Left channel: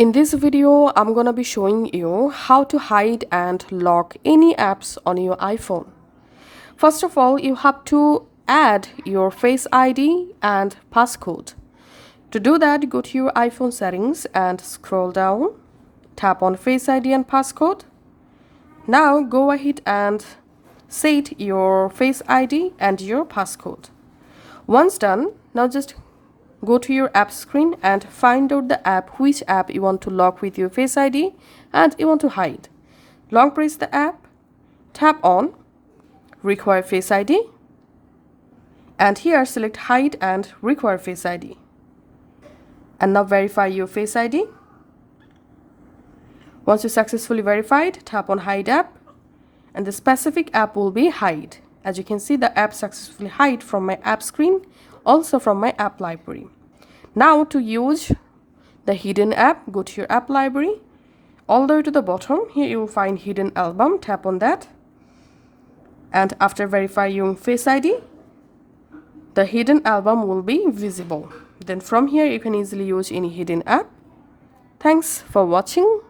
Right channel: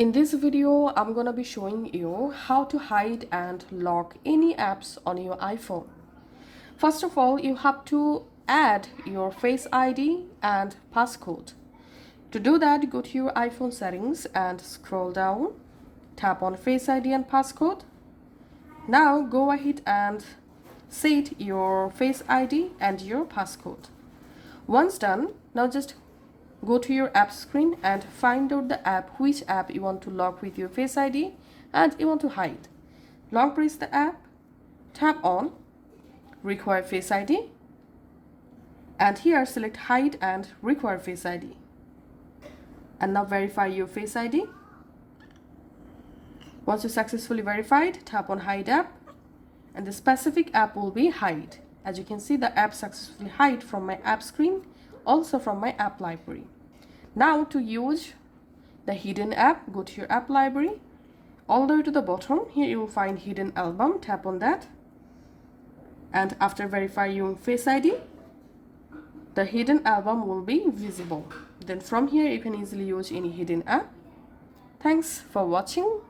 In this video, I'm gonna be showing you how to hide and lock any apps on your iPhone. First of all, you have to add your Face ID and passcode. To do that, go to your iPhone settings and scroll down. Tap on Face ID and passcode. Now go ahead and set your Face ID and your passcode. Once done, now just go to your app screen and find out the app, which app you want to lock with your Face ID and you want to hide. Long press the app, tap on Require Face ID, and here select Hide and Require Face ID. And now verify your Face ID. Once you successfully verified, tap on Hide app, and the specific app will be hide. As you can see, the app successfully hide from my app screen, also from my app library. Now to use the hidden app, go to your app library. All the way to the bottom, here you will find hidden album. Tap on that. And after verifying your Face ID, the hidden album will be visible. Then from here, you can easily use any hidden app. Thanks for watching.